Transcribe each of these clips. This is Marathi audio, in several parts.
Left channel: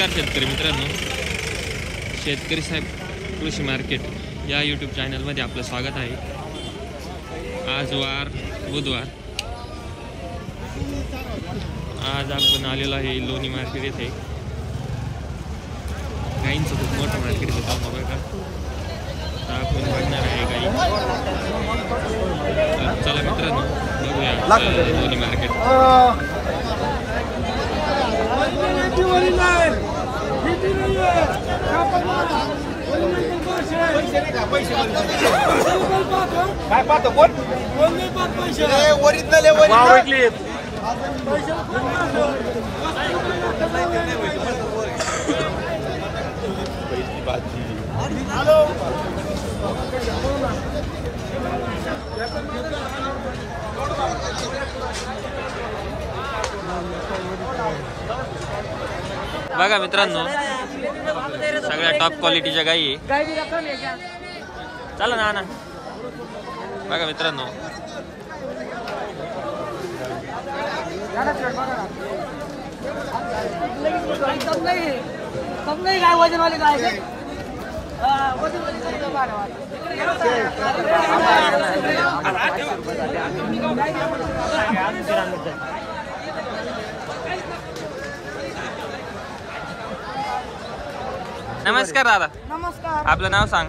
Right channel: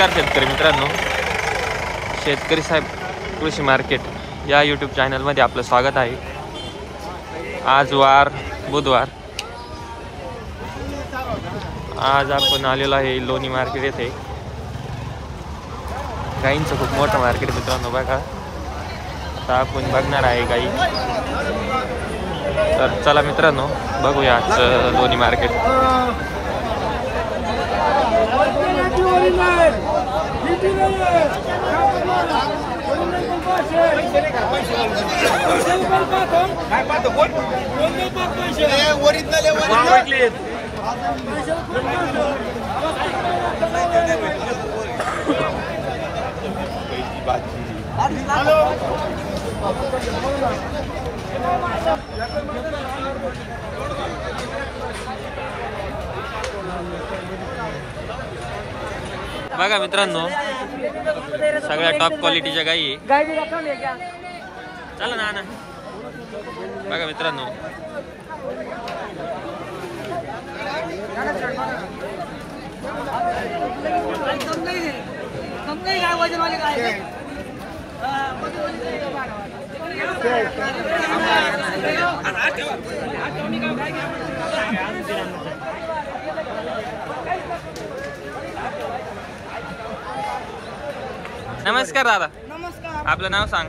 नमस्कार शेतकरी मित्रांनो, शेतकरी साहेब कृषी मार्केट या यूट्यूब चॅनलमध्ये आपलं स्वागत आहे। आज वार बुधवार, आज आपण आलेलो आहे लोणी मार्केट येथे। गाईंचं खूप मोठं मार्केट मित्रांनो बघा, आता आपण बघणार आहे गाई। तर चला मित्रांनो बघूया आज लोणी मार्केट। बघा मित्रांनो, सगळ्या टॉप क्वालिटीच्या गाई आहे। चला ना ना बघा मित्रांनो, नमस्कार दादा। नमस्कार। आपलं नाव सांग।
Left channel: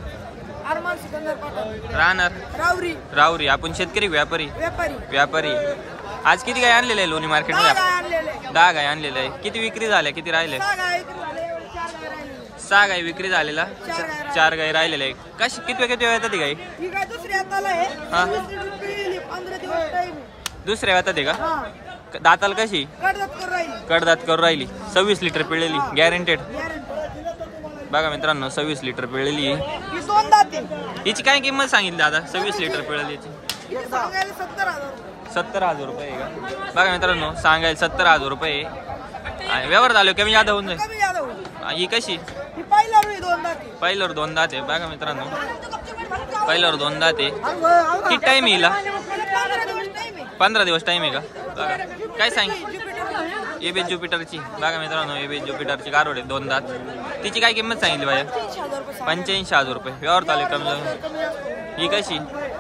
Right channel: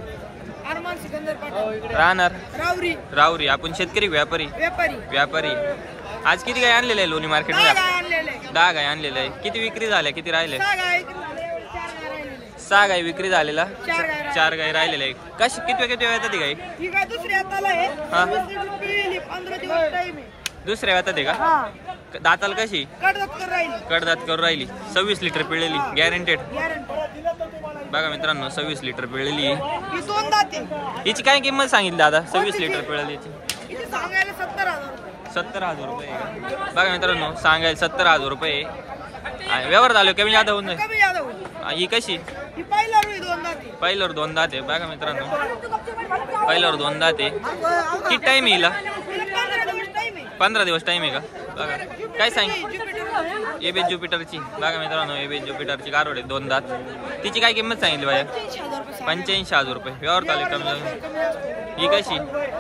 अरमान सिकंदर पठाण, राहणार रावरी। रावरी। आपण शेतकरी व्यापारी व्यापारी। आज किती गाय आणलेले आहे लोणी मार्केट मध्ये? 10 गाय आणलेले आहे। किती विक्री झाल्या, किती राहिले? 6 गाय विक्री झालेला, 4 गाय राहिलेल्या आहे। कशी किती वेळ येतात गाई? ही गाय दुसऱ्या हाताला आहे, 20 लिटर पिळली, 15 दिवस टाइम आहे। दुसऱ्या हातात आहे का? हां। दाताल कशी? कडदात करून राहिली। 26 लिटर पिळलेली, गॅरंटेड। गॅरंटी। बघा मित्रांनो, 26 लिटर पिळलेली। ही 2 दात आहे। हिची काय किंमत सांगितली दादा? 26 लिटर पिळलेली हिची सांगायला 70,000 रुपये। 70,000 रुपये आहे का? बघा मित्रांनो, सांगायला 70,000 रुपये। व्यवहार झाले कमी जादा होऊन कमी जादा होईल। ही कशी? ही पहिल्यावर 2 दात आहे। पहिल्यावर 2 दात आहे। बघा मित्रांनो, पहिल्यावर 2 दात आहे। किती टाइम येईल? 15 दिवस टाइम आहे। 15 दिवस टाइम आहे का? बघा काय सांगितलं? एबी ज्युपिटरची। बघा मित्रांनो, एबी ज्युपिटरची गारोड आहे, 2 दात। तिची काय किंमत सांगितली बाया? 85,000 रुपये। व्यवहार झाले कमी। ही कशी?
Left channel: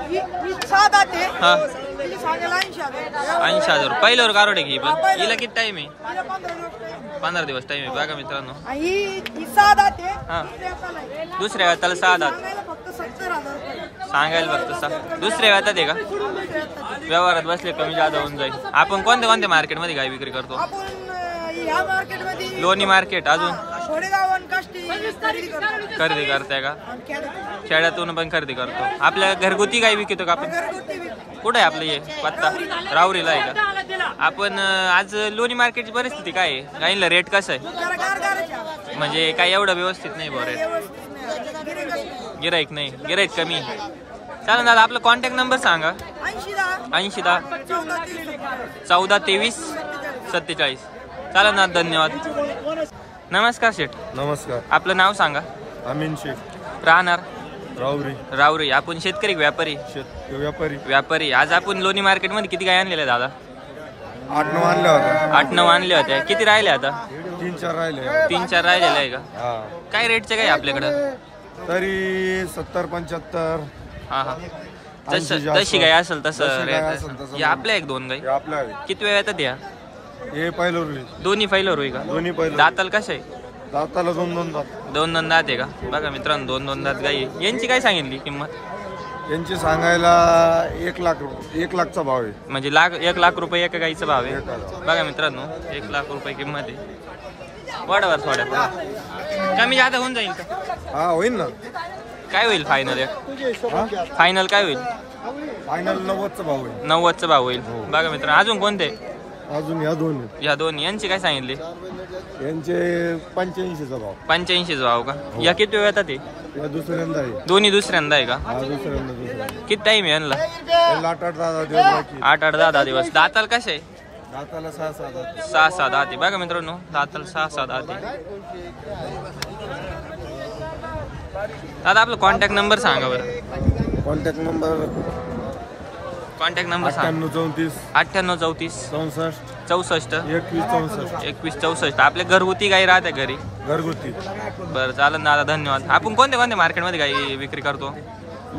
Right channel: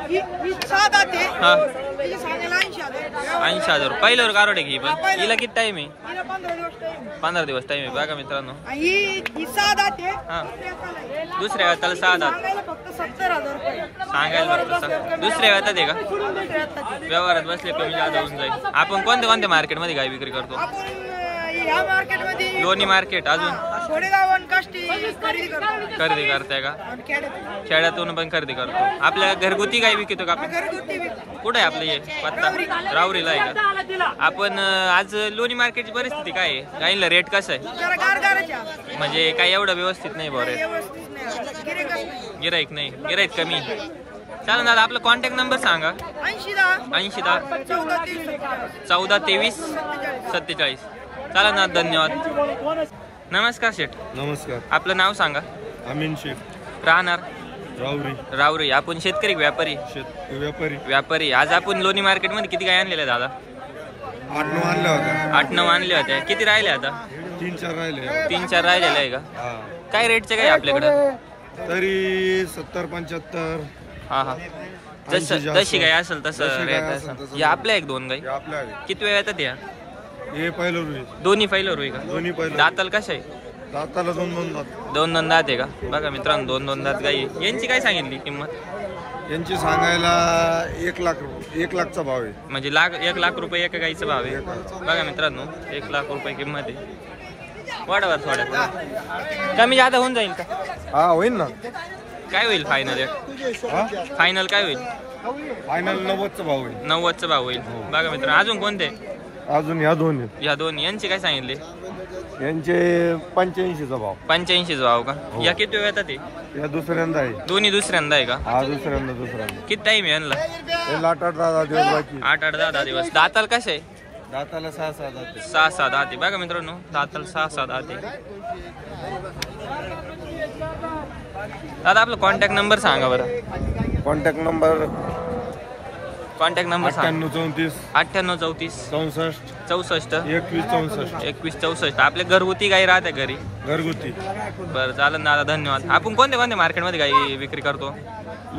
ही 6 दात आहे। हा, हिची सांगायला 80,000। 80,000 पहिल्यावर गारोड आहे की पण? हिला किती टाइम आहे? हिला 15 दिवस टाइम आहे। 15 दिवस टाइम आहे। बघा मित्रांनो, ही 6 दात आहे। हा, दुसऱ्या दुसऱ्या हाताला आहे। वेळाला 6 दात सांगायला फक्त 70,000 रुपये सांगायला फक्त। दुसऱ्या वेळात आहे का? दुसऱ्या हातात आहे। व्यवहारात बसले कमी जादा होऊन जाईल। आपण कोणत्या मार्केटमध्ये गाय विक्री करतो? आपण ह्या मार्केटमध्ये लोणी मार्केट, अजून छोडेगाव आणि काष्टी खरेदी करतो। खरेदी करताय का? आणि खेड्यातून खेड्यातून पण खरेदी करतो। आपल्या घरगुती गाय विकतो का आपण? घरगुती विकतो। कुठे आहे आपलं हे पत्ता? रावरीला आहे का? आपण आज लोणी मार्केटची परिस्थिती काय आहे? गाईला रेट कसं आहे? जरा गारगारच्या म्हणजे काय एवढं व्यवस्थित नाही बरं? व्यवस्थित नाही, गिऱ्हाईकच नाही। गिराईक कमी। चालेल दादा, आपला कॉन्टॅक्ट नंबर सांगा। 80 14 23 47। चालेल ना, धन्यवाद। नमस्कार शेठ। नमस्कार। आपलं नाव सांगा। अमीन शेख, राहणार रावरी। आपण शेतकरी व्यापारी व्यापारी। आज आपण लोणी मार्केट मध्ये किती गाय आणलेल्या दादा? 8-9 आणल्या होत्या। 8-9 आणल्या होत्या। किती राहिले आता? 3-4 राहिले। 3-4 राहिलेले आहे का? हा, काय रेटचे काय आपल्याकडं? तरी 70-75। हा, जशी गाय असेल तसं रेट असेल। या आपल्या 1-2 गाई आपल्या किती वेळ येतात या? हे पहिलं दोन्ही पहिलं होई का? दोन्ही पहिलं। दाताल कशा आहे? दाताला 2 दात। 2 दात आहे का? बघा मित्रांनो, 2 दात गाई। यांची काय सांगितली किंमत? यांची सांगायला 1 लाखचा भाव आहे। म्हणजे 1 लाख रुपये एका गाईचा भाव आहे। बघा मित्रांनो, 1 लाख रुपये किंमत आहे। वाढवर थोड्या कमी जादा होऊन जाईल का? हा, होईल ना। काय होईल फायनल? फायनल काय होईल? फायनल 90चा भाव आहे। 90चा भाव होईल। बघा मित्रांनो, अजून कोणते? अजून ह्या दोन्ही यांची काय सांगितले? यांचे 85चा भाव। 85चा भाव का? या किती वेळ येतात? या दुसऱ्यांदा आहे। दोन्ही दुसऱ्यांदा आहे का? हा, दुसऱ्यांदा। किती टाइम आहे यांना? 8-10 दिवस बाकी। 8-10 दिवस। दाताल कसे आहे? दाताला 6-6 दात। 6-6 दात. बघा मित्रांनो, दाताल 6-6 दात। दादा आपला कॉन्टॅक्ट नंबर सांगा बरं। कॉन्टॅक्ट नंबर कॉन्टॅक्ट नंबर सांग. 98 34 98 34 64 64 21 64 21 64. आपल्या घरगुती गाई राहते घरी. घरगुती. बरं चालेल दादा, धन्यवाद. आपण कोणते कोणते मार्केटमध्ये गाई विक्री करतो?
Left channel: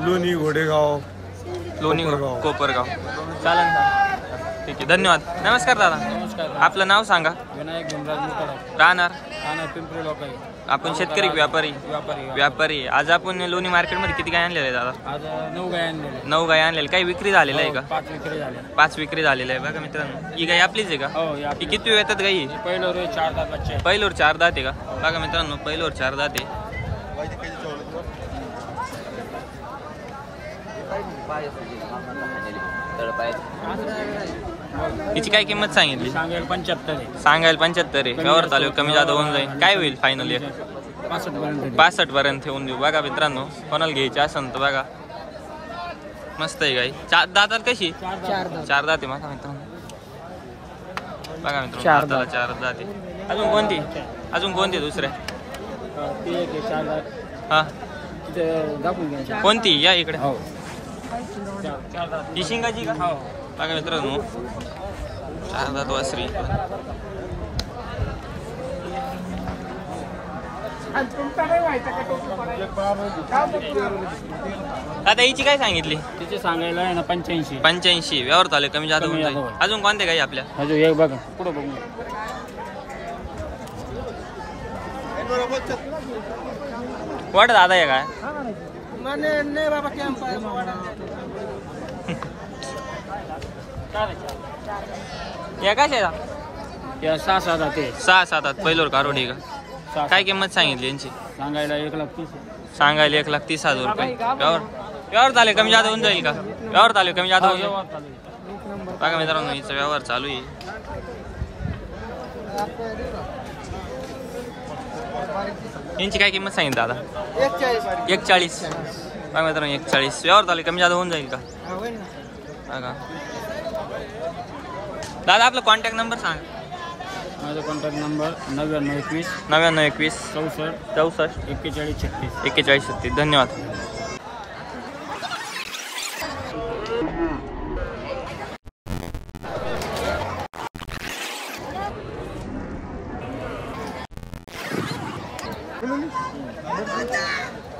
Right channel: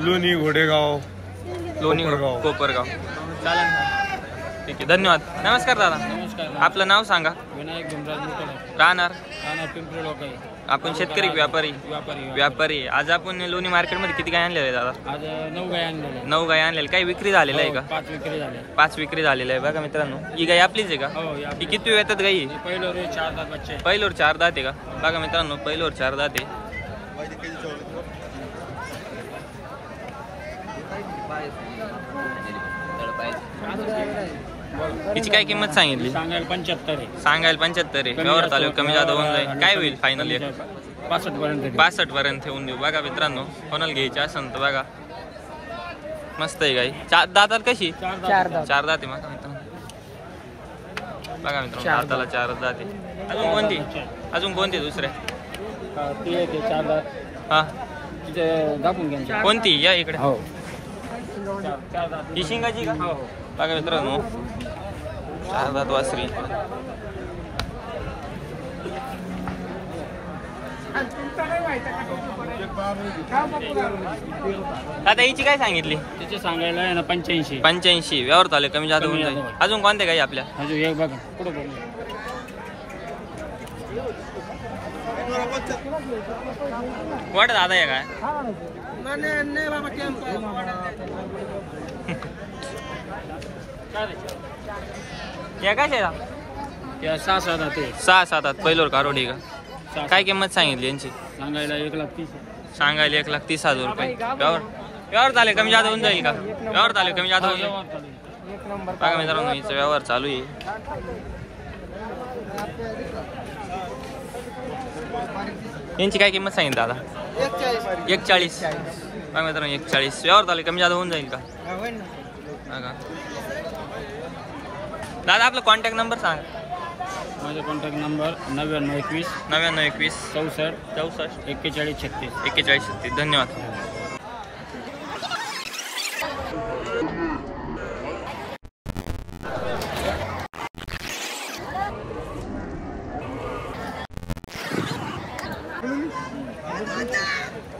लोणी, घोडेगाव, लोणी, कोपरगाव. कोपरगाव. चालेल ना, ठीक आहे, धन्यवाद. नमस्कार दादा. नमस्कार. आपलं नाव सांगा. विनायक भीमराज मुतडा, राहणार राणा पिंपरी लोकाई. आपण शेतकरी व्यापारी. व्यापारी. आज आपण लोणी मार्केटमध्ये किती गाय आणलेले आहे दादा? आज 9 गाय आणलेले. 9 गाय आणलेले. काही विक्री झालेलं आहे का? 5 विक्री झाल्या. 5 विक्री झालेलं आहे. बघा मित्रांनो, ही गाय आपलीच आहे का? ही किती येतात गाई? पहिलं रोज 4 दात बच्चे. पहिलोर 4 दात आहे का? बघा मित्रांनो, पहिलोर 4 दात आहे. हिची काय किंमत सांगितली? सांगायला 75 आहे. सांगायला 75 आहे. व्यवहार चालू कमी जादा होऊन जाईल. काय होईल फायनली? 65 पर्यंत. 65 पर्यंत ठेवून देऊ. बघा मित्रांनो, कोणाला घ्यायची असेल तर बघा, मस्त आहे गाई. दाताला कशी? 4 दात. 4 दात आहे. माझा मित्रांनो बघा मित्रांनो, दाताला 4 दात आहे. अजून कोणती दुसऱ्या? ती एक 4 दात. हा, तिथे दाखवून घ्या. कोणती? या इकडे. हो. 4 दात. ही शिंगाची का? हो. बघा मित्रांनो, 4 दात वासरी. आता हिची काय सांगितली? तिचे सांगायला आहे ना 85. 85. व्यवहार चालू कमी जादा होऊन जाईल. अजून कोणते काही आपल्या? अजून एक बघा पुढे बघू. वाट दादा आहे काय? या काय का? या 6 दात आहे. 6-7 आत पहिलोर कारोडी का? 6. काय किंमत सांगितली यांची? सांगायला 1,30,000. सांगायला 1,30,000 रुपये. व्यवहार चालू कमी जादा होऊन जाईल का? व्यवहार चालू कमी जादा होऊन जाईल. बघा मित्रांनो, हिचा व्यवहार चालू आहे. यांची काय किंमत सांगितली दादा? 41. बघा मित्रांनो, 41. व्यवहार चालू कमी जादा होऊन जाईल का? बघा दादा, आपला कॉन्टॅक्ट नंबर सांगा. माझा कॉन्टॅक्ट नंबर 9921 9921 64 64 41 36. 41 36. धन्यवाद.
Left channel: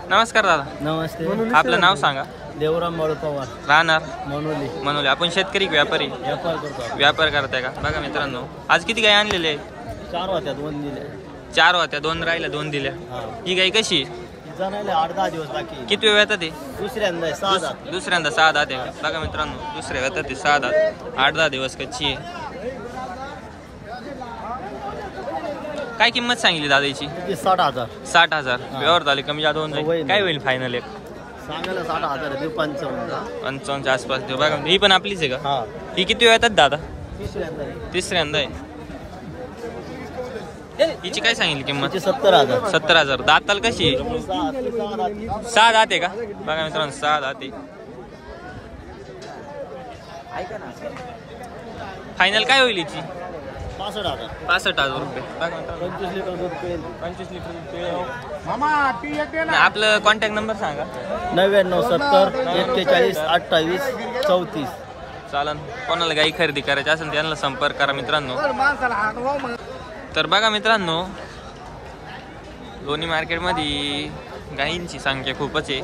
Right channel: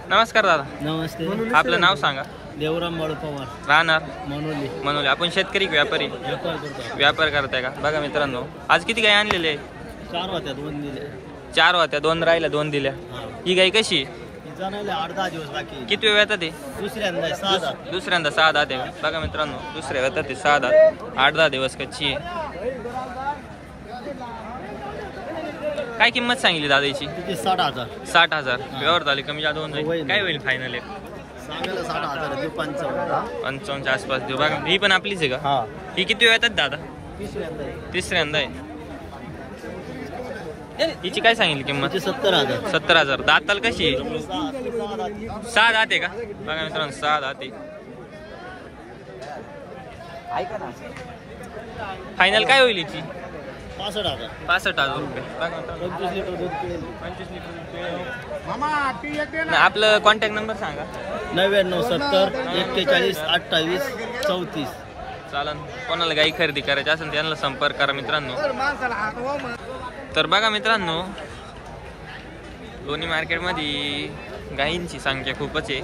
नमस्कार दादा. नमस्ते. आपलं नाव सांगा. देवराम बाळू पवार, राहणार मनोली. आपण शेतकरी व्यापारी. व्यापार करतो. व्यापार करताय का? बघा मित्रांनो, आज किती गाय आणलेले आहे? 4 होत्या, 2 दिले. 4 होत्या, 2 राहिल्या, 2 दिल्या. ही गाय कशी? जाणायला 8-10 दिवस बाकी. किती वेळ येतात ते? दुसऱ्यांदा 6 दात. दुसऱ्यांदा 6 दात आहे का? बघा मित्रांनो, दुसऱ्या येतात ते 6 दात. 8-10 दिवस कच्ची आहे. काय किंमत सांगितली दादाची? 60,000. 60,000. व्यवहार झाले कमी जादा होऊन जाईल. काय होईल फायनल? सांगायला 60,000. 55. च्या आसपास देऊ. बघा, ही पण आपलीच आहे का? ही किती वेळ येतात दादा? तिसऱ्यांदा आहे. हिची काय सांगितली किंमत? 70,000. 70,000. दाताल कशी? 6 दात आहे का? बघा मित्रांनो, 6 दात आहे. फायनल काय होईल हिची? 65,000. 65,000 रुपये. बघा मित्रांनो, 25 लिटर दूध पिळेल. 25 लिटर. आपलं कॉन्टॅक्ट नंबर सांगा. 99 70 41 28 34. चालन, कोणाला गाई खरेदी करायची असेल त्यांना संपर्क करा मित्रांनो. तर बघा मित्रांनो, लोणी मार्केटमध्ये गायींची संख्या खूपच आहे.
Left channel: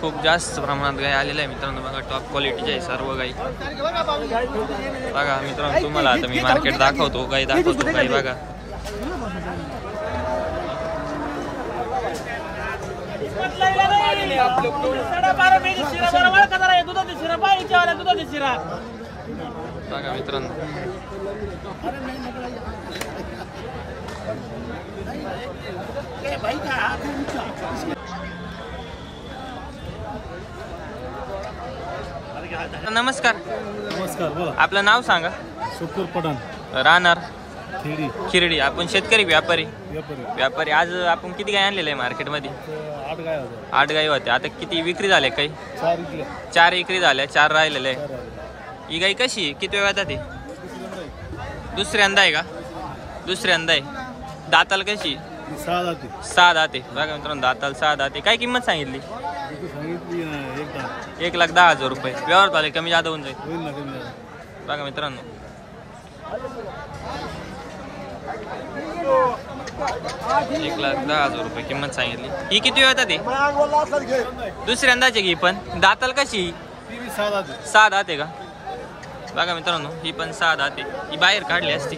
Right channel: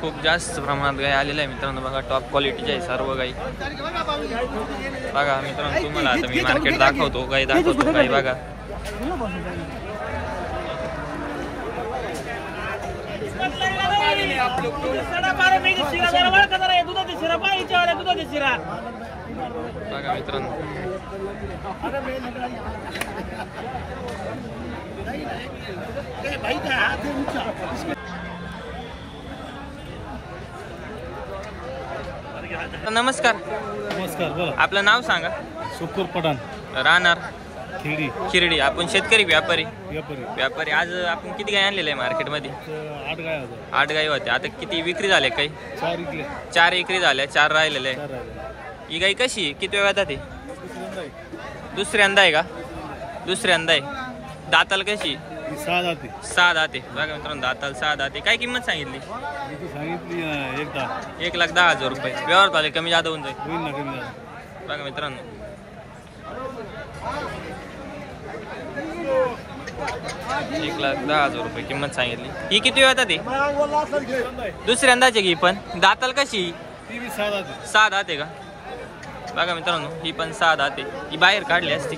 खूप जास्त प्रमाणात गाय आलेल्या आहे मित्रांनो. बघा, टॉप क्वालिटीच्या आहे सर्व गाई. बघा मित्रांनो, तुम्हाला आता मी मार्केट दाखवतो, गाई दाखवतो. गाई बघा, बघा मित्रांनो, नमस्कार. नमस्कार, बोला. आपलं नाव सांगा. सुकूर पठाण, राहणार खिरडी. आपण शेतकरी व्यापारी. व्यापारी. आज आपण किती गाय आणलेले आहे मार्केटमध्ये? 8 गाय होत्या. 8 गाई होत्या. आता किती विक्री झाले? काही 4 इकले. 4 विक्री झाल्या, 4 राहिलेले आहे. 4 राहिले. ही गाई कशी? किती वेळ येतात? दुसऱ्यांदा आहे का? दुसऱ्यांदा आहे. दाताल कशी? 6 दात. 6 दाते. बघा मित्रांनो, दाताल 6 दाते. काय किंमत सांगितली? सांगितली 1,10,000 रुपये. व्यवहार चालेल कमी जादा होऊन जाईल. होईल ना कमी झालं. बघा मित्रांनो 1,10,000 रुपये किंमत सांगितली. ही किती वेळ ते दुसऱ्यांदाचे की पण दाताल कशी ती बी 6 दाते. 6 दाते का? बघा मित्रांनो ही पण 6 दाते. ही बाहेर काढली असती.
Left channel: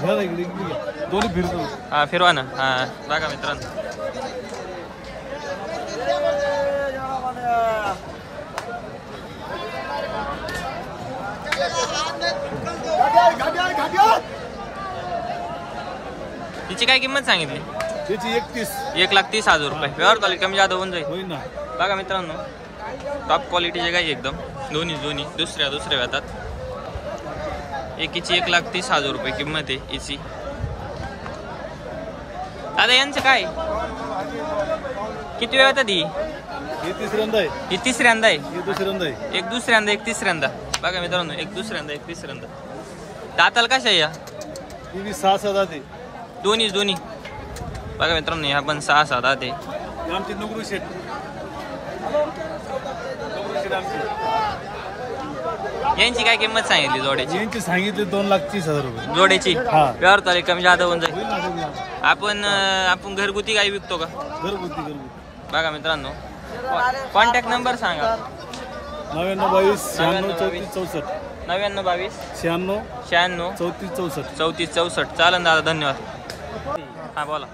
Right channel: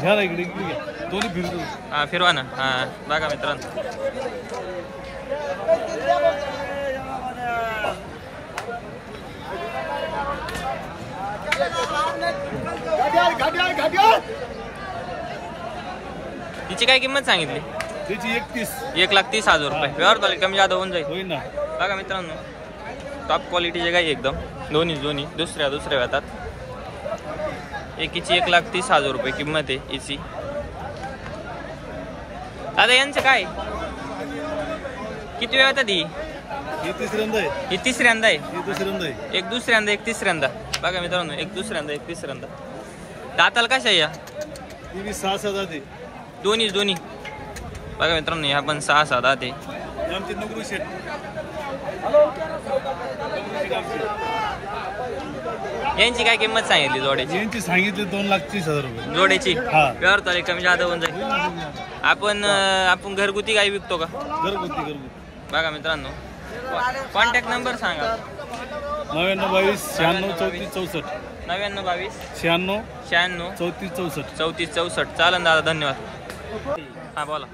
घ्या ना इकडे इकडे घ्या. दोन्ही फिरतो. हा फिरवा ना. हा बघा मित्रांनो तिची काय किंमत सांगितली? त्याची 31. 1,30,000 रुपये. व्यवहार चालेल कमी जादा होऊन जाईल. होईल ना. बघा मित्रांनो टॉप क्वालिटीचे गाई एकदम दोन्ही दुसऱ्या व्यातात. एकीची 1,30,000 रुपये किंमत आहे हिची. दादा यांचं काय किती वेळ येतात? ही तिसऱ्यांदा आहे. ही तिसऱ्यांदा आहे. ही दुसऱ्यांदा आहे. एक दुसऱ्यांदा एक तिसऱ्यांदा. बघा मित्रांनो एक दुसऱ्यांदा एक तिसऱ्यांदा. दाताल कशा या ती बी 6 दाते. दोन्ही बघा मित्रांनो ह्या पण 6 दाते. आमची नोकरी शेट. यांची काय किंमत सांगितली जोड्याची? यांची सांगितली 2,30,000 रुपये. जोड्याची हा. व्यवहार चालेल कमी जादा होऊन जाईल. आपण घरगुती गाई विकतो का? घरगुती. बघा मित्रांनो कॉन्टॅक्ट नंबर सांगा. 9922 96 34 64. 9922 96 96 34 64. 34 64. चालन दादा धन्यवाद. हा बोला.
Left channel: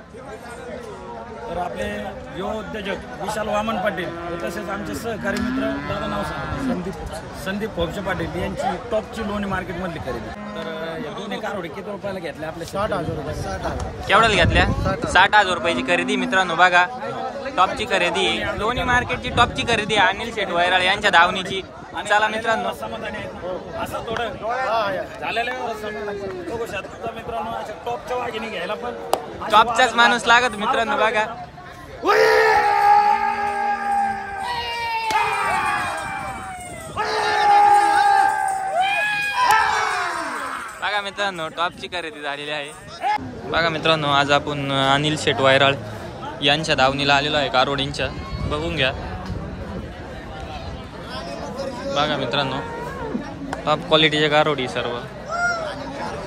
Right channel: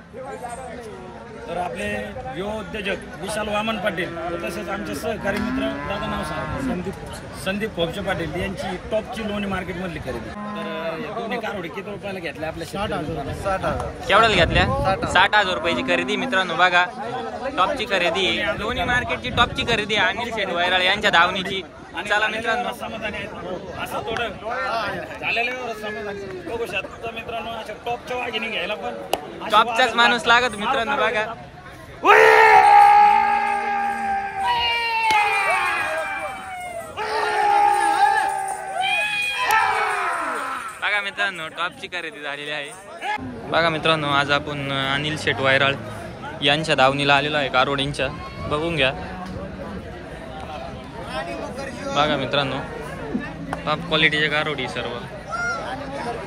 तर आपले युवा उद्योजक विशाल वामन पाटील व तसेच आमचे सहकारी मित्र दादा नाव सांगा. संदीप फोपचे पाटील यांची टॉपची लोणी मार्केटमधली खरेदी. तर या दोन्ही कारवडी किती रुपयाला घेतल्या आपल्या? 60,000. केवढ्याला घेतल्या? 60,000 रुपयाची खरेदी मित्रांनो. बघा टॉपची खरेदी लोणी मार्केटची टॉपची खरेदी अनिल शेठ वैराळ यांच्या धावणीची. चला मित्रांनो समाधानी आहेत असं थोडं झालेलं समाधानी बघू शकता मित्रांनो. अशा टॉपच्या वाघिणी घ्यायला पण टॉपचाच माणूस लागत मित्रांनो. बघा बघा मित्रांनो टॉपची खरेदी झालेली आहे. बघा मित्रांनो आज आपण अनिल शेठ वैराळ यांच्या धावणीला आलेलो आहे कारवडींच्या. बघून घ्या. बघा मित्रांनो टॉप क्वालिटीचे कारवडी सर्व.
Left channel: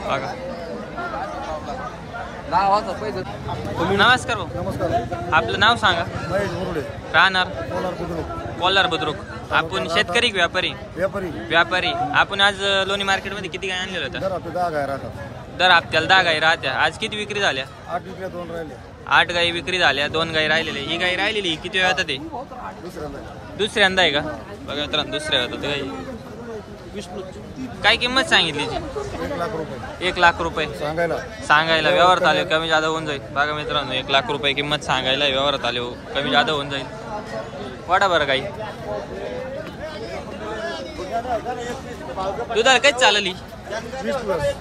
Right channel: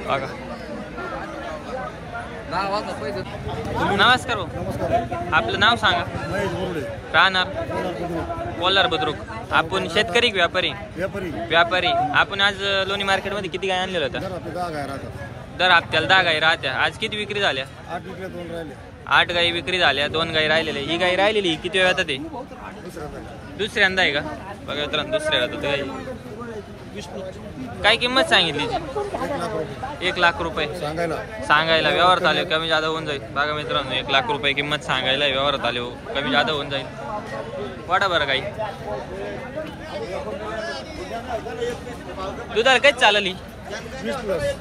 बघा नमस्कार भाऊ. नमस्कार. आपलं नाव सांगा. महेश मुरडे. राहणार कोल्हापूर. कोल्हार बुद्रुक. आपण शेतकरी की व्यापारी? व्यापारी. आपण आज लोणी मार्केटमध्ये किती गाय आणलेल्या होत्या? 10 गाय राहतात. दर हप्त्याला 10 गाई राहत्या. आज किती विक्री झाल्या? 8 विकल्या 2 राहिल्या. 8 गाई विक्री झाल्या 2 गाई राहिलेल्या. ही गाई राहिलेली किती वेळ येतात? ते दुसऱ्यांदा आहे का? बघा मित्रांनो दुसऱ्या वेळात गाई. काय किंमत सांगितली? 1,00,000 रुपये. 1,00,000 सांगायला. व्यवहार आले कमी जादा होऊन जाईल. बघा मित्रांनो 1,00,000 रुपये किंमत सांगायला. व्यवहारात आले कमी जादा होऊन जाईल. वाटा बरं काही दुधाला काहीच चालली.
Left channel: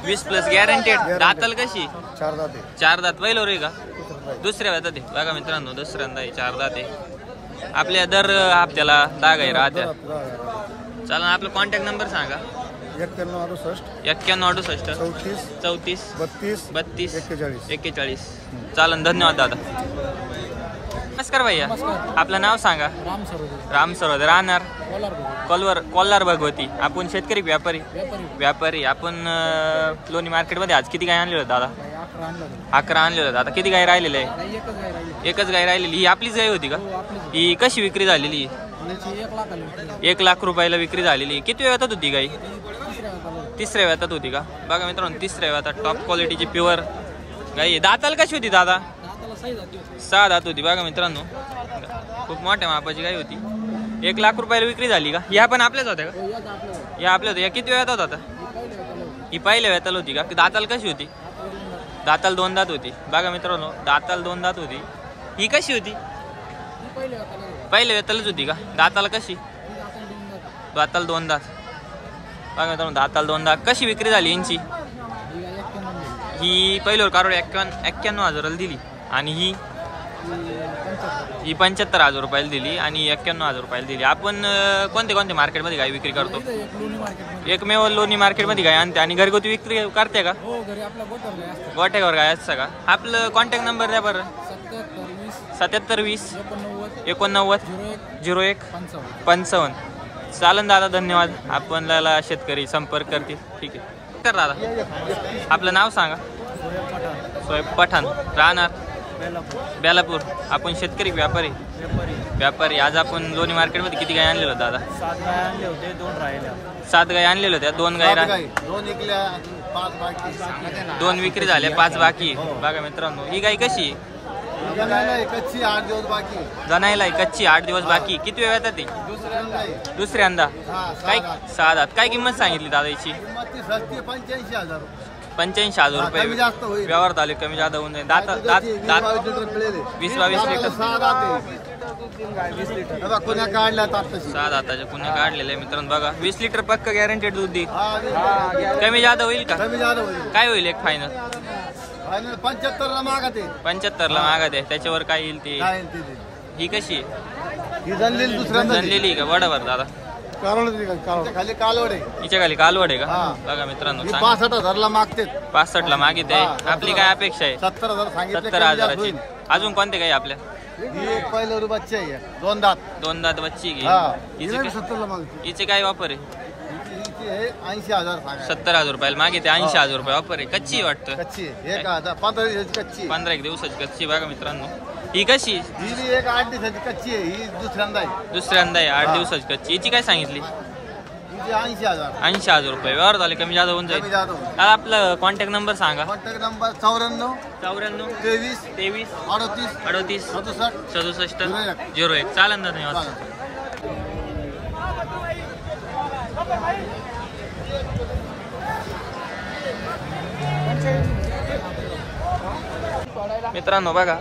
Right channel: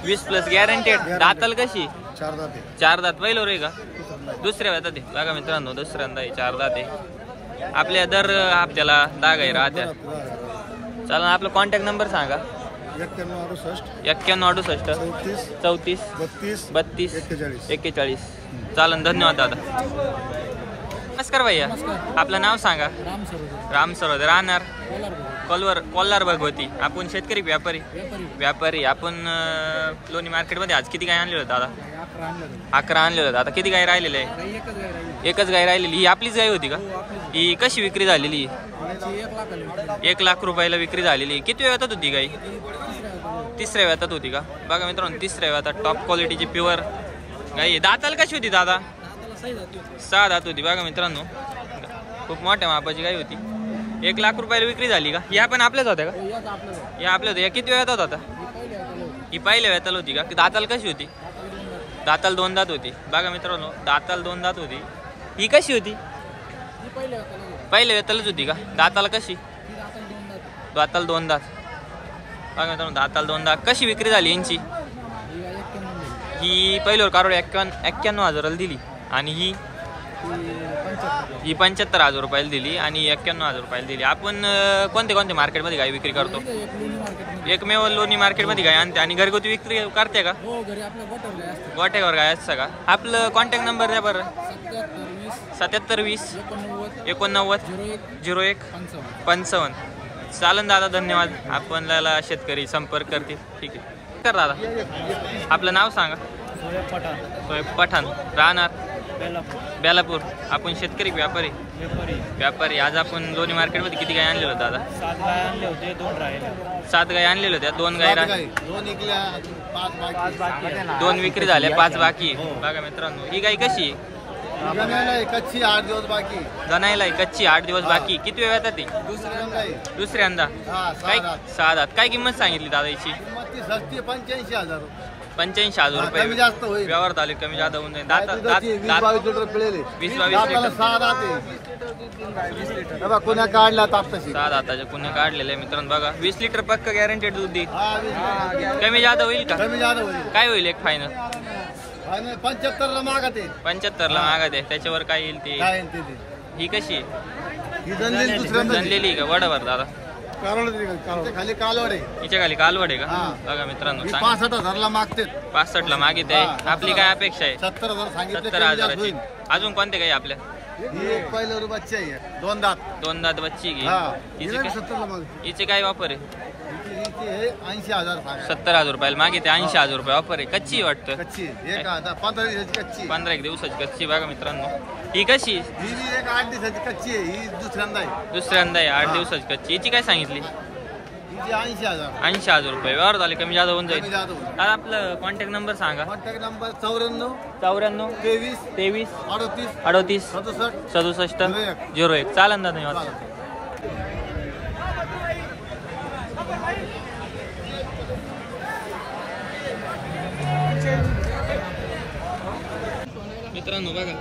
20+ गॅरंटेड. दाताल कशी? 4 दाते. 4 दात. पहिलं रे का? दुसऱ्या वेळात. बघा मित्रांनो दुसऱ्यांदा 4 दाते. आपल्या दर हप्त्याला 10 गाई राहत्या. चला आपला कॉन्टॅक्ट नंबर सांगा. 91 68 34 32 32 41. 41. चालन धन्यवाद दादा. नमस्कार भैया. आपलं नाव सांगा. राम सरोदे. राहणार कोल्हार भगवती. आपण शेतकरी व्यापारी. आपण लोणी मार्केटमध्ये आज किती गाय आणले होते दादा? 11 आणले होते. आता किती गाय राहिलेले आहे? एकच गाय राहिलेली. ही आपलीच गाय होती का? ही कशी विक्री झालेली? 1,00,000 रुपयाला विक्री झालेली. किती वेळात होती गाई? तिसऱ्या वेळात होती का? बघा मित्रांनो तिसऱ्या वेळात टॉप क्वालिटीची प्युअर गाई. दाताल कशी होती दादा? 6 दात होती. बघा मित्रांनो खूप मोठ्या मापाची गाय होती. 1,00,000 रुपयाला विक्री झाली का? या पण आपल्याच होत्या का? या आपल्या होत्या. या किती वेळात होता? ही पहिल्या वेळात होती का? दाताल कशी होती? दाताल 2 दात होती. बघा मित्रांनो दाताल 2 दात होती. ही कशी होती? पहिल्या वेळातच होती का? दाताला कशी? दाताल 2 दात. बघा मित्रांनो दाताल 2 दात. कशी विक्री झाली यांची? ही पहिल्यावर कारवड 91,000 दिली आणि ही 75,000 रुपयाला दिली आणि 91,000 रुपयाला दिली. आपण कोणते मार्केटमध्ये गाय विक्री करतो? एकमेव लोणी मार्केटमध्ये गाय आणते. आणि घरगुती विक्री करते का? गोट्यावर गाय असतं का? आपलं कॉन्टॅक्ट नंबर द्या बरं. 7720 89 01 55. चालन दादा, धन्यवाद. आपल्याला शेतकरी संपर्क करतील. ठीक आहे कर दादा. आपलं नाव सांगा. सोहेब पठाण. राहणार बेलापूर. आपण शेतकरी व्यापारी. आज आपण लोणी मार्केटमध्ये किती गाय आणलेलो दादा? 7 गाय आणले होते, 2 राहिले. 7 गाय आणलेल्या होत्या, 2 गाय 2 विकल्या, 5 बाकी. 2 विक्री झाल्या, 5 बाकी. बघा मित्रांनो, ही गाय कशी आहे? जनायला कच्ची 8 दिवस बाकी. जनायला कच्ची 8 दिवस बाकी. किती वेळ येतात ते? दुसऱ्यांदा. काय 6 दात. काय किंमत सांगितली दादा याची? 85,000. 85,000 रुपये. कमी जास्त होईल. व्यवहार चालू कमी जादा होऊन जाईल. दात 20-22 लिटर पिळेले. 20-22 लिटर. 6 दाते. कुण्या काढल्या तापताशी. 6 दाताचे कुण्या काढलेले मित्रांनो. बघा 20 लिटर पक्क गॅरंटेड दूध देईल. कमी जादा होईल का? कमी जादा होईल. काय होईल एक फायनल? 75 ला मागते. 75 ला मागत आहे. त्याच्यावर काय येईल ते? काय ही कशी आहे? ही जनलेली का? बरोबर दादा. खाली कालवड आहे. हिच्या खाली कालवड आहे का? हा. बघा मित्रांनो, 65,000 ला मागते. 65 ला मागित आहे. आपली काय अपेक्षा आहे? 70,000 सांगितलं. 70,000ची. अजून कोणते काही आपल्या? ही एक पहिलं बच्चे आहे. 2 दात. 2 दात बच्ची घे. हिचे 70 ला मागते. हिचे काय वापर आहे? हिची हे 80,000 सांगा. 70,000 रुपयाला मागित आहे. 80,000 रुपये वापर आहे. कच्ची आहे वाटतं. कच्ची आहे. एक 15 दिवसाची कच्ची. 15 एक दिवसाची कच्ची. बघा मित्रांनो, ही कशी? ही बी एक 8 दिवसाची कच्ची आहे. ही दुसऱ्यांदा आहे. दुसऱ्यांदा आहे. 8 दिवसाची कच्ची. हिची काय सांगितली? हिची 80,000. 80,000 रुपये. व्यवहार झाले कमी जादा होऊन जाईल. कमी जादा. दादा आपलं कॉन्टॅक्ट नंबर सांगा. Contact number 94 94 23 23 38 38 67 67 01. चालन दादा, धन्यवाद. मित्रांनो बघा,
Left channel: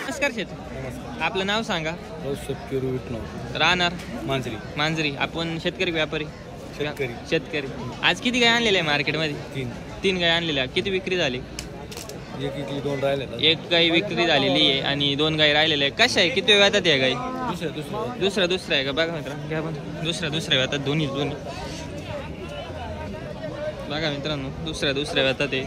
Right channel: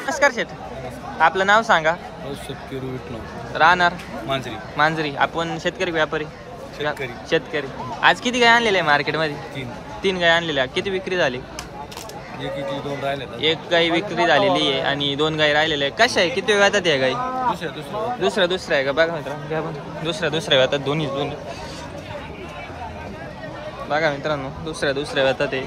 नमस्कार शेठ, आपलं नाव सांगा. राहणार मांजरी. आपण शेतकरी व्यापारी शेतकरी. आज किती गाय आणलेल्या आहे मार्केटमध्ये? 3 गाय आणलेल्या. किती विक्री झाली? एक गाय विक्री झालेली आहे आणि 2 गाय राहिलेल्या आहे. कशा आहे? किती वेळ येतात या गाई? दुसऱ्या आहे का? बघा मित्रांनो, घ्या पण. दुसऱ्या येतात. दोन्ही बघा मित्रांनो, दुसऱ्या येतात ते.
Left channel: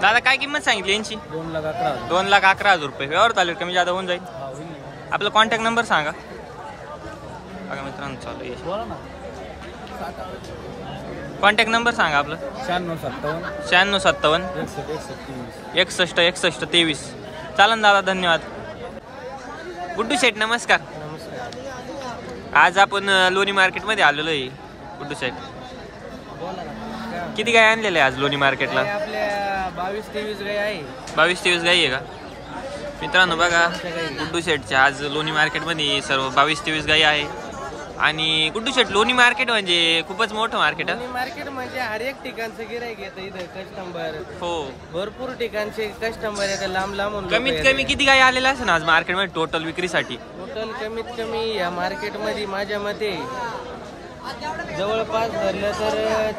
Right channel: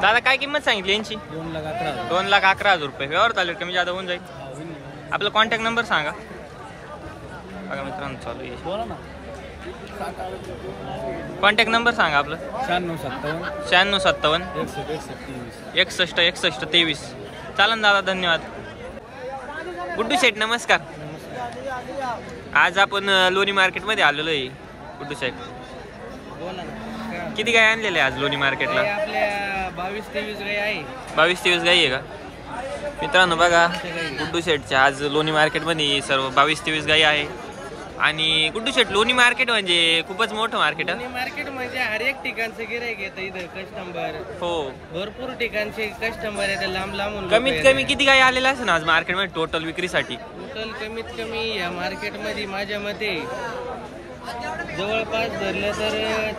दादा काय किंमत सांगितली यांची? 2,11,000 रुपये. व्यवहार चालू कमी जादा होऊन जाईल. आपला कॉन्टॅक्ट नंबर सांगा. बघा मित्रांनो, चालू आहे. कॉन्टॅक्ट नंबर सांगा आपलं. 96 57 61 61 23. चालन दादा, धन्यवाद. गुड्डू शेठ नमस्कार. आज आपण लोणी मार्केटमध्ये आलेलो आहे. गुड्डू शेठ, किती गाय आणलेले आज लोणी मार्केटला? आपल्या 22-23 गाय आहे. 22-23 गाय आहे का मित्रांनो? बघा गुड्डू शेठच्या आज लोणी मार्केटमध्ये सर्व 22-23 गाय आहे. आणि गुड्डू शेठ, लोणी मार्केट म्हणजे खूपच मोठं मार्केट आहे. मार्केट म्हणजे हर एक ठिकाणचं गिराईक येतं इथं. कस्टमर हो, भरपूर ठिकाणचे कस्टमर येतात. लांब कमीत कमी किती गाय आलेल्या असेल आज मार्केटमध्ये टोटल विक्रीसाठी? टोटल कमीत कमी या मार्केटमध्ये माझ्या मते जवळपास धरलं तर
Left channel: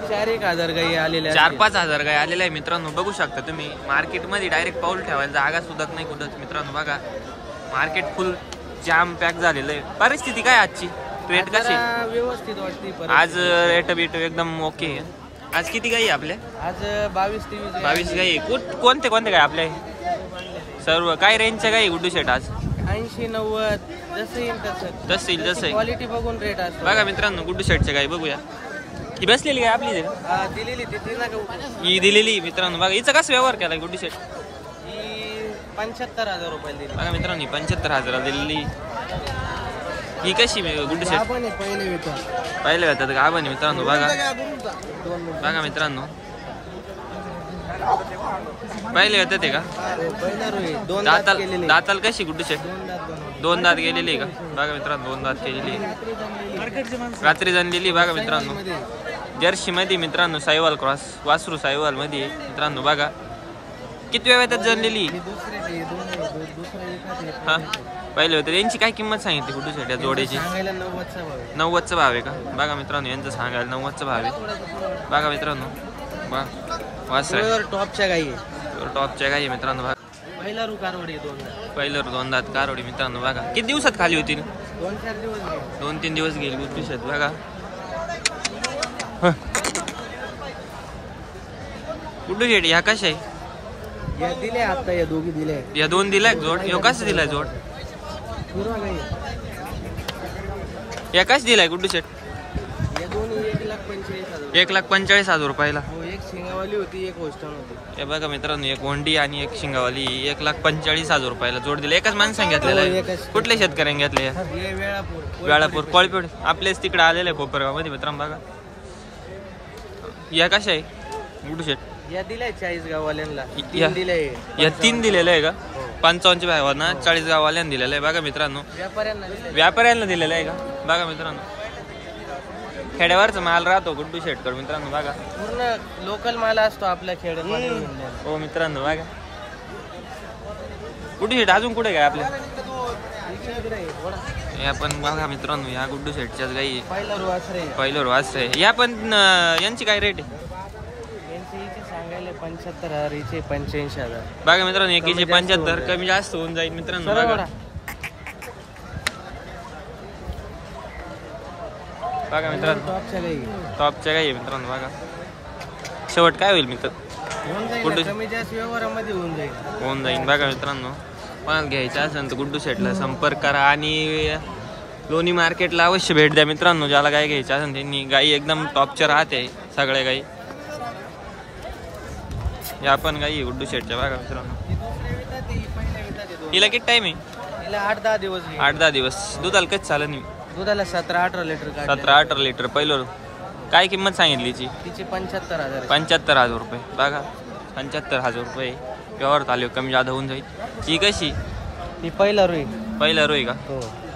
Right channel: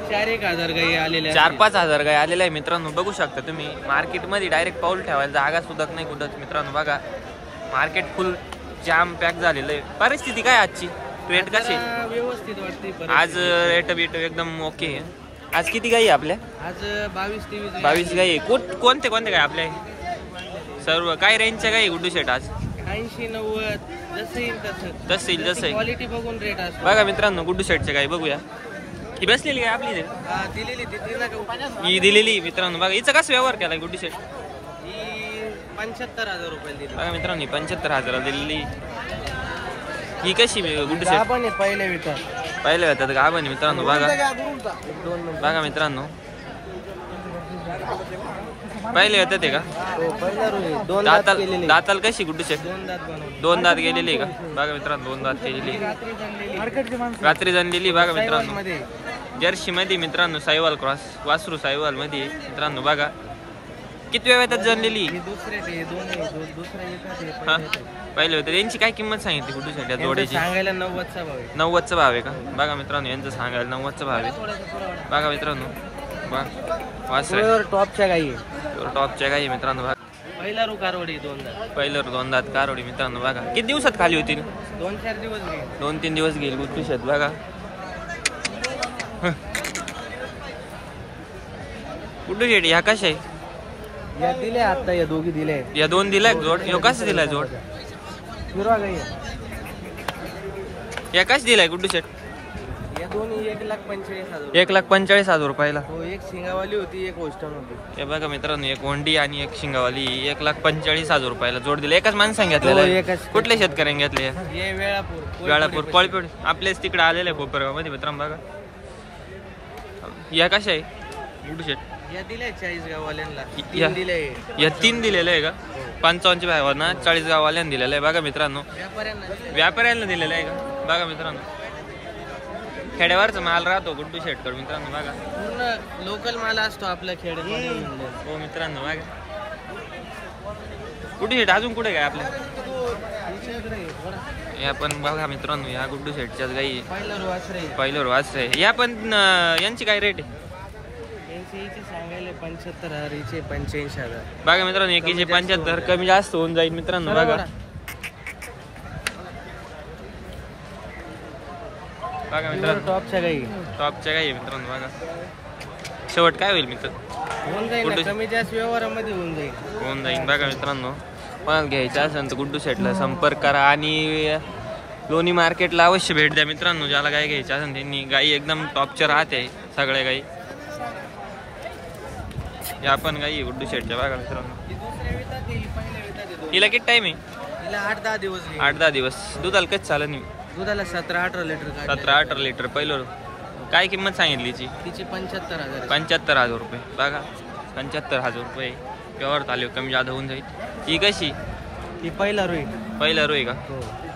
4-1 हजार गाई आलेल्या. 4-5 हजार गाय आलेल्या आहे मित्रांनो. बघू शकता तुम्ही. मार्केटमध्ये डायरेक्ट पाऊल ठेवायला जागा सुद्धा नाही कुठंच मित्रांनो. बघा मार्केट फुल जाम पॅक झालेलं आहे. परिस्थिती काय आजची? रेट कशी? व्यवस्थित वाटते आज? रेट बीट एकदम ओके आहे. आज किती गाई आपल्या? आज 22-23 22 गाई. कोणते गाय आपल्या? सर्व काय रेंजच्या गाई गुड्डू शेट आज? 80-90 जसं येईल तसं क्वालिटी बघून रेट असतो. बघा मित्रांनो, गुड्डू शेटच्या गाई बघूया. ही बसलेली गाय आपली दिलेली ही दिलेली मित्रांनो. बघा हिचा कसं व्यवहार केला गुड्डू शेट? ही 75,000 रुपये दिली. बघा मित्रांनो 75,000 दिलेली. ही कशी गुड्डू शेट? आपण पहिले विकत पाहिलं जातात का आपण मित्रांनो? बघा बघा मित्रांनो पाहिले येतात ते का? दाताल कशी गुड्डू शेट? 2 दात बनवले. 2 दात गेलेली का? बघा मित्रांनो 2 दात केलेली, रात्री जनलेली. बघा मित्रांनो जर्सी मध्ये मित्रांनो साईवाल क्रॉस वासरू साईवाल मध्ये मित्रांनो. बघा किती वेळ येतात जनलेली? हा पहिले होते. यांची काय किंमत सांगितली गुड्डू शेट या जोडीची? सांगायला 90चा भाव आहे. 90चा भाव आहे का? बघा मित्रांनो यांचं सांगायला 90चा भाव आहे. बघा मित्रांनो वासर टॉपच्या गाई टॉपच्या काही मित्रांनो. बघा पहिला रू कारवडी 2 दात. पहिलं 2 दात कारवडी मित्रांनो. बघा किती दिवसात खाली होती? 2-4 दिवस गेले. 2-3 दिवस गेली गुड्डू शेट. बघा गुड्डू शेट ह्या कशा आहे? या दिले आता, या दोघी दिले. या 2 दिलाय जोड. ह्यो कसं दिलाय जोड? हिरवा गाई या कसं दिलाय गुड्डू शेट? या दोन्ही 1,45,000. 1,45,000 रुपयाला. हो, एक सिंगावाली होती, एक होस्टन होती. हे बघा मित्रांनो एक वंडी आणि एक शिंगावाली 1,45,000 रुपयाला जोड दिले. एकाच माणसाने घेतलेला आहे. कुठल्या शेतकऱ्यांनी घेतले? हे वेळापूर कोळपेड आपल्याच तिकडे आलेले आहे कोपरगाव मध्ये मित्रांनो. बघा या कशा आहे गुड्डू शेट? या दिलाय 40 गाववाल्यांना. या 3 दिले. या 3 दिलेलं आहे का? 55 भावांना 40 गाववाल्यांना दिलेलं आहे. बघा मित्रांनो व्यापाऱ्यांना दिलेलं आहे का? बघा मित्रांनो खेड्यावरचा माल राहतो गुड्डू शेटकडे मित्रांनो. बघा पूर्ण लोकल माल असतो आपल्या खेड्यामध्ये. हो मित्रांनो. बघा गुड्डू शेट अजून कुठे काय आपल्या? या पण बघा मित्रांनो या गुड्डू शेटच्याच गाई पहिल्यावर वास आहे. या पण यांची काय रेट आहे? सांगायला 75,000, हिचे 85,000. बघा मित्रांनो एकीचे 75 कमी जास्त होऊन जाईल मित्रांनो. बघा बघा मित्रांनो टॉपच्या गाई गाई मित्रांनो. बघा शेवट काय होईल मित्र? होऊन जाईल, कमी जास्त व्यवहारामध्ये होऊन जाईल. बघा मित्रांनो कोणाला घ्यायचं असेल तर गुड्डू शेटला संपर्क करा आणि लोणी मार्केटला अवश्य भेट द्या मित्रांनो. ज्याला गाय घ्यायची असेल त्यांनी. गाई एकदम टॉपच्या राहते सगळ्या गाई. या पण गाई गुड्डू शेटच्या. बघा मित्रांनो हिला किती टाइम आहे? 8-10 दिवस. 8-10 दिवस. दुधाला कच चालत नाही. दुधाला 17-18 लिटर. 17-18 लिटर पहिलं. काय किंमत सांगितली तिची 75,000. 75,000 रुपये. बघा 75,000 रुपये व्यवहार चालू कमी जादा होऊन जाईल. ही कशी? ही पहिला रोई का?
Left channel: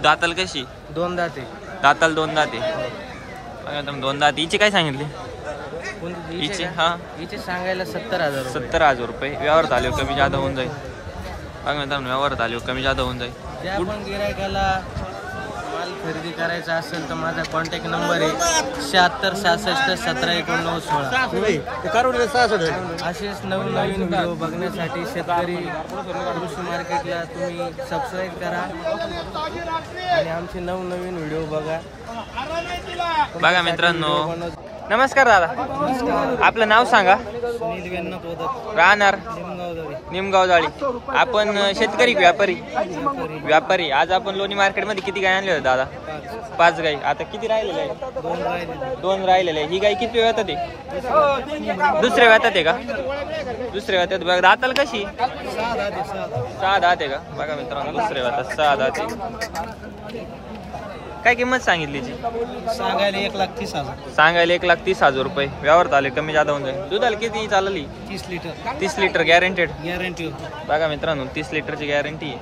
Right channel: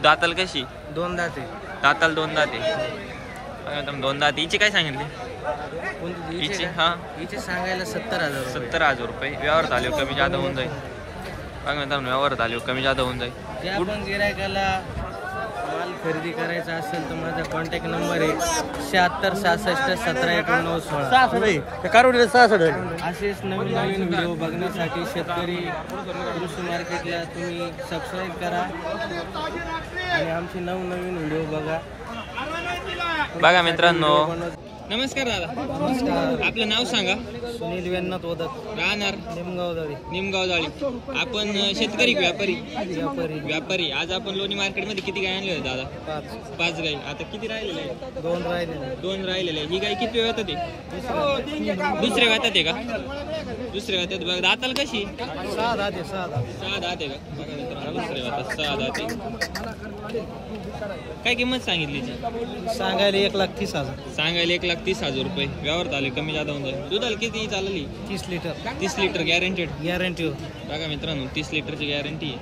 दाताल कशी? 2 दाते. दाताल 2 दाते. बघा 2 दाते. हिची काय सांगितली? हिची हिचे सांगायला 70,000. 70,000 रुपये व्यवहार चालू कमी जादा होऊन जाईल. बघा मित्रांनो व्यवहार चालू कमी जादा होऊन जाईल. ज्या पण गिरायकाला माल खरेदी करायचा असेल तर माझा कॉन्टॅक्ट नंबर आहे 7666171916. असेच नवीन व्हिडिओ बघण्यासाठी शेतकरी कृषी मार्केटला तुम्ही सबस्क्राईब करा आणि आमचे नवीन व्हिडिओ बघा. बघा मित्रांनो नमस्कार दादा. आपलं नाव सांगा. सुनील वेन्नत होतात. राहणार निमगाव जाळी. आपण शेतकरी व्यापारी. आज आपण लोणी मार्केट मध्ये किती गाय आणले होते दादा? 5 गाई. आता किती राहिलेले आहे? 2 राहिलेले. ही गाय किती वेळ येतात? दुसऱ्या वेळात आहे का? दुसऱ्या वेळात. बघा दाताल कशी? 6 दात आहे का? बघा मित्रांनो दुसऱ्या वेळात 6 दात आहे. काय किंमत सांगितली? सांगायला 1,30,000. सांगायला 1,30,000 रुपये व्यवहार चालू कमी जादा होऊन जाईल. दुधाला किती चालली? 30 लिटर. 30 litre guaranteed. बघा मित्रांनो 30 लिटरची गॅरंटी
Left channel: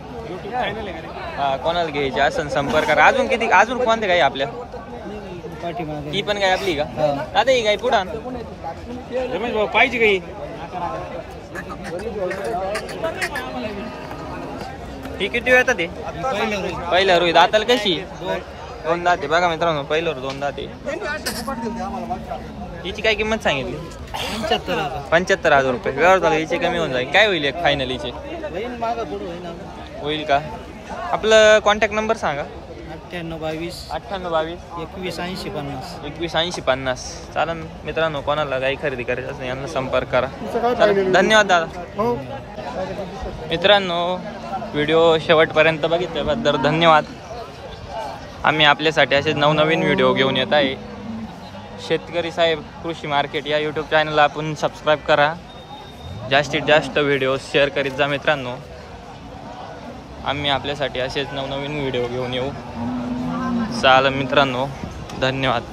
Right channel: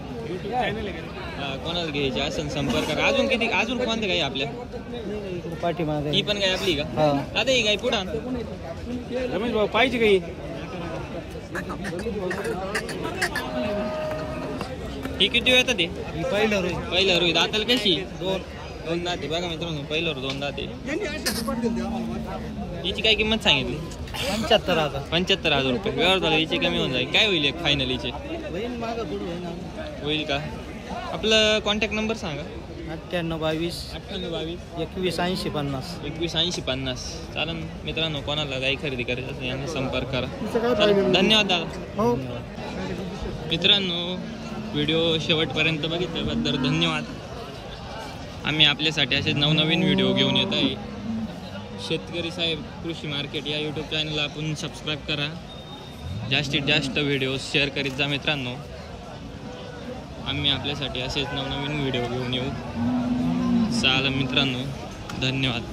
आहे. हा कोणाला घ्यायची असेल संपर्क करा. अजून कोणते गाई आपल्या? ही पण गाय आपली का दादा? ही गाय पुढा रमेश भाऊ पाहिजे गाई. ही किती वेळ येतात? पहिल्या रोई. दाताल कशी? 2 दाते. बघा मित्रांनो पहिल्यावर 2 दाते. हिची काय किंमत सांगितली? 75,000 रुपये व्यवहार चालू. हिचे कमी होऊन जाईल. काय होईल एक फायनल हिचे? होईल का? आपलं कॉन्टॅक्ट नंबर सांगा. 9822 218050. 218050. चालन मित्रांनो कोणाला गाई खरेदी करायची असेल यांना संपर्क करा. धन्यवाद दादा. मित्रांनो व्हिडिओ शेवटपर्यंत बघितल्याबद्दल धन्यवाद. आम्ही आपल्यासाठी असे नवनवीन व्हिडिओ घेऊन येत आहे. शेतकरी साहेब कृषी मार्केट या यूट्यूब चॅनलला आपण सबस्क्राईब करा. जास्तीत जास्त व्हिडिओ शेअर करीत जा मित्रांनो. आम्ही आपल्यासाठी असेच नवनवीन व्हिडिओ घेऊन येऊ. चालेल मित्रांनो, धन्यवाद.